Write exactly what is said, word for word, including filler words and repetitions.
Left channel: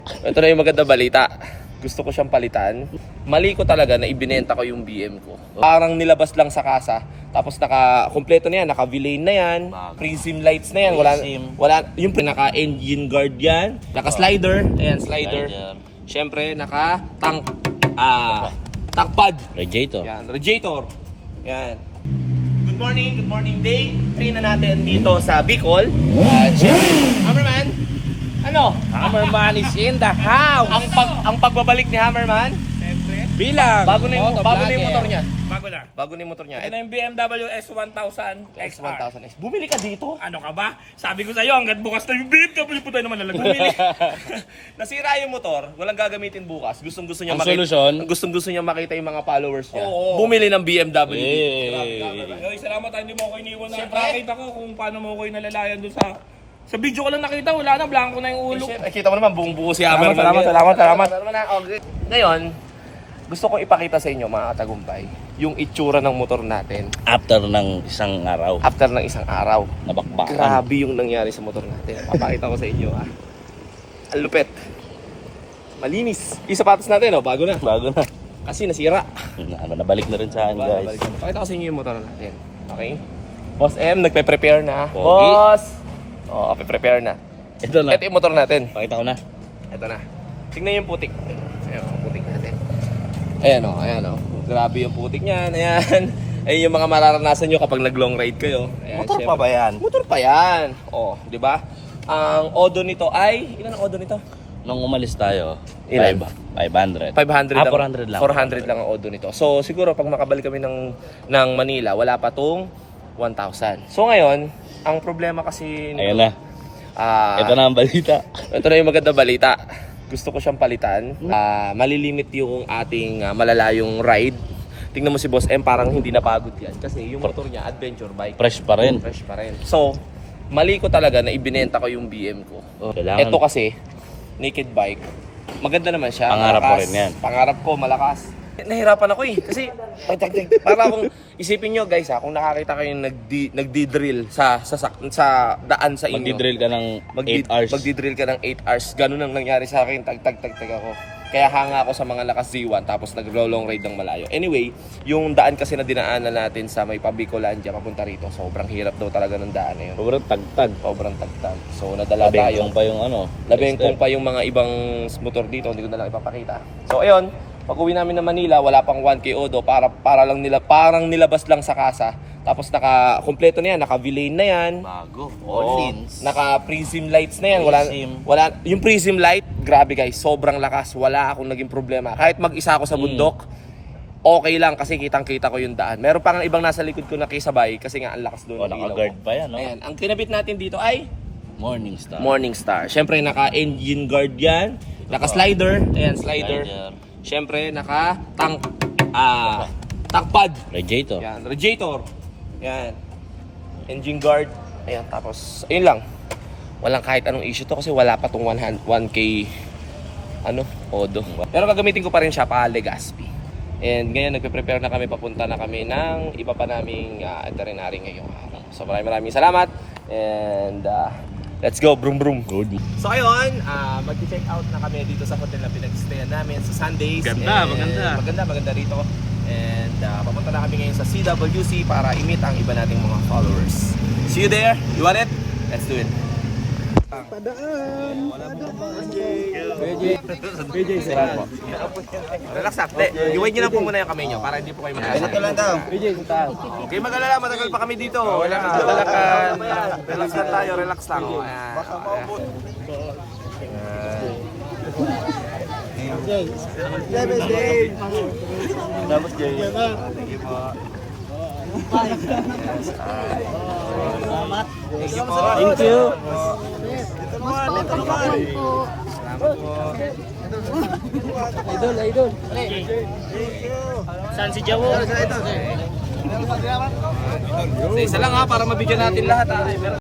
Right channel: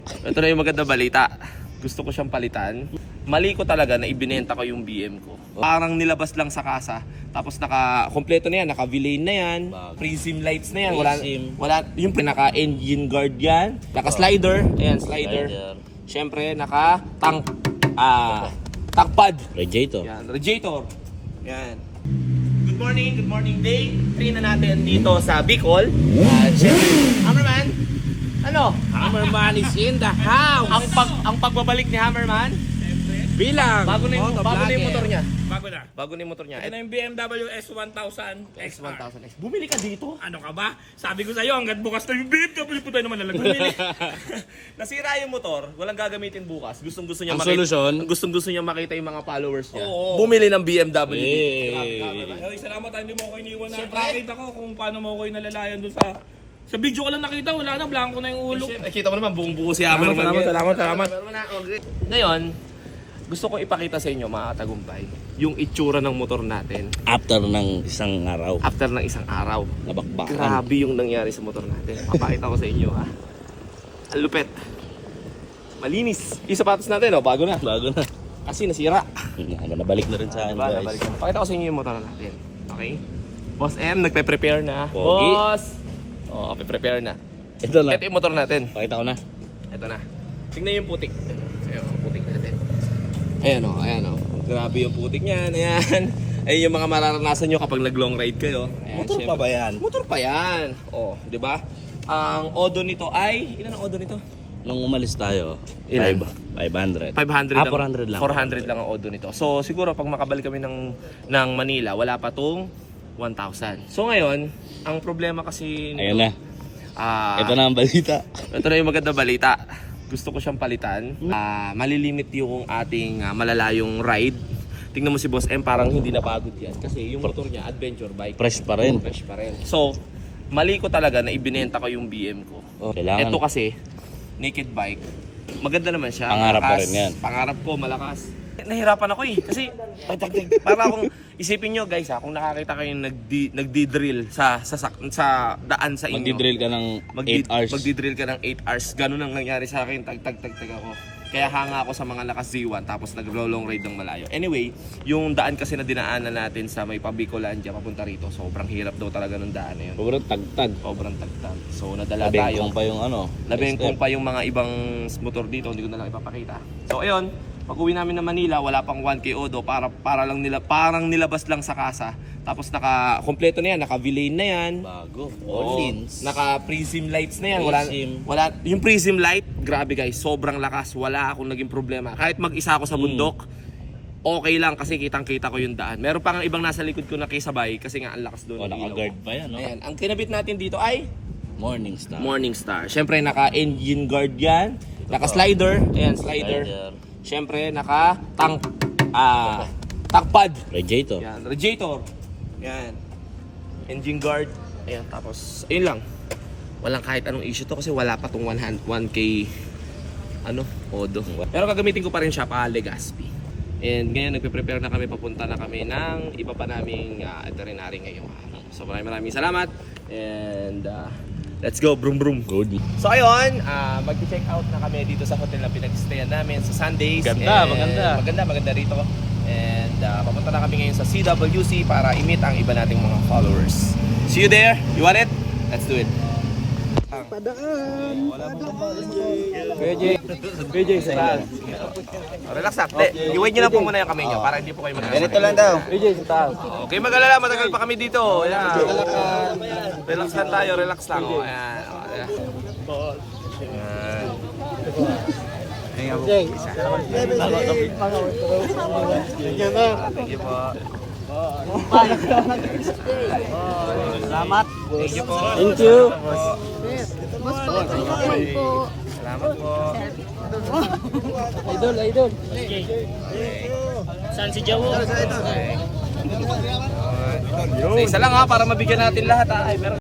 Ito na yung maganda balita. Gusto ko siyang palitan. Mali ko talaga na ibinenta ko yung B M ko. Parang nilabas lang sa kasa. Tapos naka kompleto na yan, naka V-Lane na yan, prism lights na yan, wala wala yung naka engine guard yan, naka slider, ayan slider. Syempre naka tank ah tank pad. Radiator. Yan, radiator. Yan. Good morning, good morning day. Train na natin dito sa Bicol. At syempre, Hammerman. Ano? Hammerman is in the house. Ang pag ang pagbabalik ni Hammerman, Bilang. bago na yung, bago na yung motor niya. Bago na. Bago na yung motor niya. Ito na yung B M W S one thousand X X one R. thousand X. Bumili ka dito? Ano ka ba? Sabi ko sa'yo, hanggat bukas na yung B M W po tayo naman nalang bumili. Nasira yung motor, walang gagamitin bukas. Gustong gusto niya Ang makita. solusyon? Gustong gusto niya makita yung mga followers niya. Oo. Bumili ng B M W. Hey. Ay, salamat ha, hindi mo ako iniwan na. Nakita ko kung paano mo ako inalalayan dun sa... Sa video ko lang nakita, wala na, blanco na yung ulo. Ay, kita mo naman, buong buo si Hammerman. Salamat, salamat, salamat. Okay. Ngayon, gusto kong ipakita sa inyo mga katagumpay, yung itsura ng motor natin After ng isang araw. after ng isang araw. Nabakbakan. Grabe yung nangyari sa motor natin. Papakita ko sa inyo ah. Ang lupet. Malinis. Yung sapatos natin oh, bago na. Bago na. Kasi nasira. Ano, nabalik na rin sa akin, Diba? guys. Pakita ko sa inyo yung motor natin. Okay? Boss M, nagpe-prepare na. Pogi. Boss! Oo, oh, prepare na. Ito na. Ito yung motor natin. Pakita ko na. Ito na. Tingnan yung putik. Ayan, yung putik natin. Ayan o, ayan o. Grabe yung putik niyan. Ayan. Ayan yung mga mararanasan nyo kapag nag-long ride kayo. Ayan, Motor syempre. pa ba yan? Motor pa yan. O, di ba? Ang odo nito ay, ilan ang odo nito? Nung umalis tayo, Ilan? five hundred. five hundred Ah, lang. four hundred lang. four hundred lang ang odo nito. So, siguro pag makabalik kami ng, ng Manila, wala pa tong one thousand. So, ngayon, ang problema kasi nito, Ayun na. ah, Ito na ang balita. ito na yung maganda balita. Gusto ko siyang palitan. Ah, malilimit yung ating ah, malalayong ride. Tingnan mo si Boss M, parang hindi napagod yan. Kasi yung motor niya, adventure bike. Fresh pa rin. Fresh pa rin. So, mali ko talaga na ibinenta ko yung B M ko. Oh, kailangan. Ito kasi, naked bike. Maganda naman siya. Pangarap malakas. mo rin yan. Pangarap ko, malakas. Nahirapan ako eh. Kasi, para kung isipin nyo guys ha, kung nakakita kayo nagdi, nagdi-drill sa, sa, sa, sa daan sa inyo. Magdi-drill ka ng eight hours. Magdi-drill ka ng eight hours. Ganun ang nangyari sa akin. Tag, tag, tag, tag ako. Kaya hanga ako sa mga lakas Z one tapos nag-long ride ng malayo. Anyway, yung daan kasi na dinaanan natin sa may Pabicolandia papunta rito, sobrang hirap daw talaga ng daan na yun. Sobrang tagtag. Sobrang tagtag. So nadala tayo. Labing pa yung ano. Labing kung pa yung mga ibang motor dito, hindi ko na lang ipapakita. So ayun, pag uwi namin ng Manila, wala pang one K odo para para lang nila parang nilabas lang sa kasa. Tapos naka kompleto na yan, naka V-Lane na yan. Bago. Oo, naka prism lights na yan. Wala Prism. wala yung prism light, grabe guys, sobrang lakas. Wala akong naging problema. Kahit mag-isa ako sa bundok, okay lang kasi kitang-kita ko yung daan. Meron pa nga ibang nasa likod ko na kisabay kasi nga ang lakas doon Oh, ng ilaw naka-guard ko. pa yan, no? Ayan, ang kinabit natin dito ay Morning Star. Morning Star. Siyempre naka engine guard yan, naka slider, ayan slider. Siyempre naka tank ah tank pad. Radiator. Yan, radiator. Yan. Engine guard. Ayan, tapos ayun lang. Walang kahit anong issue to kasi wala pa tong one K ano, odo. Pero gagamitin ko pa rin siya pa Legazpi. And ngayon nagpe-prepare na kami, papunta na kami ng iba pa naming uh, itinerary ngayong araw. So maraming maraming salamat and uh, let's go, brum brum. Good. So ayun, uh, mag-check out na kami dito sa hotel na pinag-stayan namin sa Sundays. Ganda, And maganda. Maganda, maganda rito. And uh, papunta na kami ngayon sa C W C para i-meet ang iba nating mga followers. See you there. You want it? Let's do it. Padaan. B J. B J, sira. Relax lang. Okay. I-wait nyo lang po muna yung kamay nyo para hindi po kayo magkasakit. Ganito lang daw. B J, sinta. Okay, mag-alala. Matagal pa kami dito. Ayan. Relax lang tayo. Relax lang. Oh, ayan. Oh, ayan. Thank you po. Salamat. Thank you po. Thank you. Salamat po. Idol, idol. Saan si Jawo? Sa isa lang ha, para mabigyan natin lahat ha.